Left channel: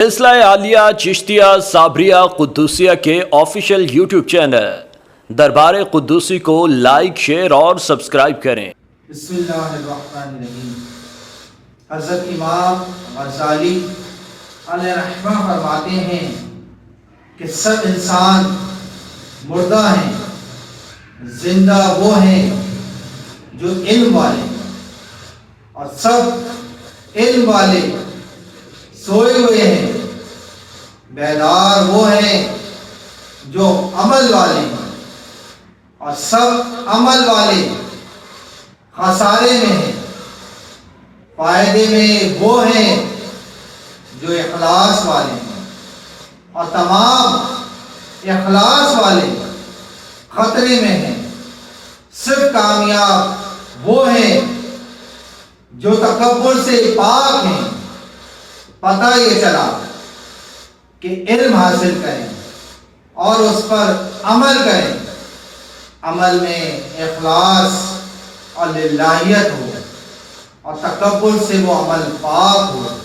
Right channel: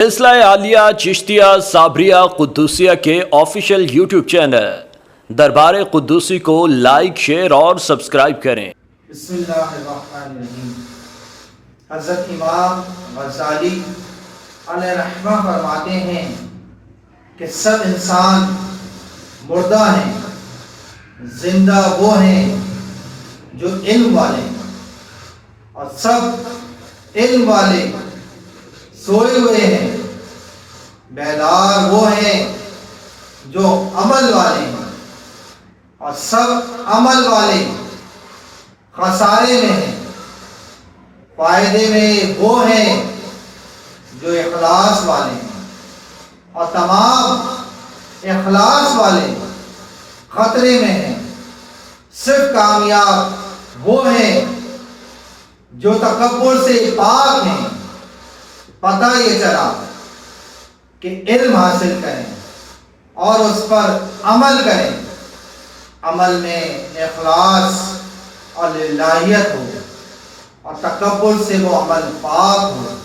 سلسلہ عالیہ چشتیہ صابریہ قدوسیہ کے official YouTube channel دربار قدوسی کو لائک، شیئر اور سبسکرائب کریں۔ بسم اللہ الرحمن الرحیم۔ حضرت امام غزالی علیہ رحمہ فرماتے ہیں کہ سب انسان مردہ ہیں، زندہ وہ ہیں جو علم والے، اور سب علم والے سوئے ہوئے ہیں، بیدار وہ ہیں جو عمل والے ہیں، اور سب عمل والے خسارے میں ہیں، فائدے میں وہ ہیں جو اخلاص والے ہیں، اور تمام اخلاص والے خطرے میں ہیں۔ صرف کامیاب وہ ہیں جو تکبر سے پاک ہیں، پتہ یہ چلا کہ علم حاصل کریں اور اس پر عمل کریں، عمل میں اخلاص اور للہیت ہو، اور تکبر سے وہ عمل پاک ہو۔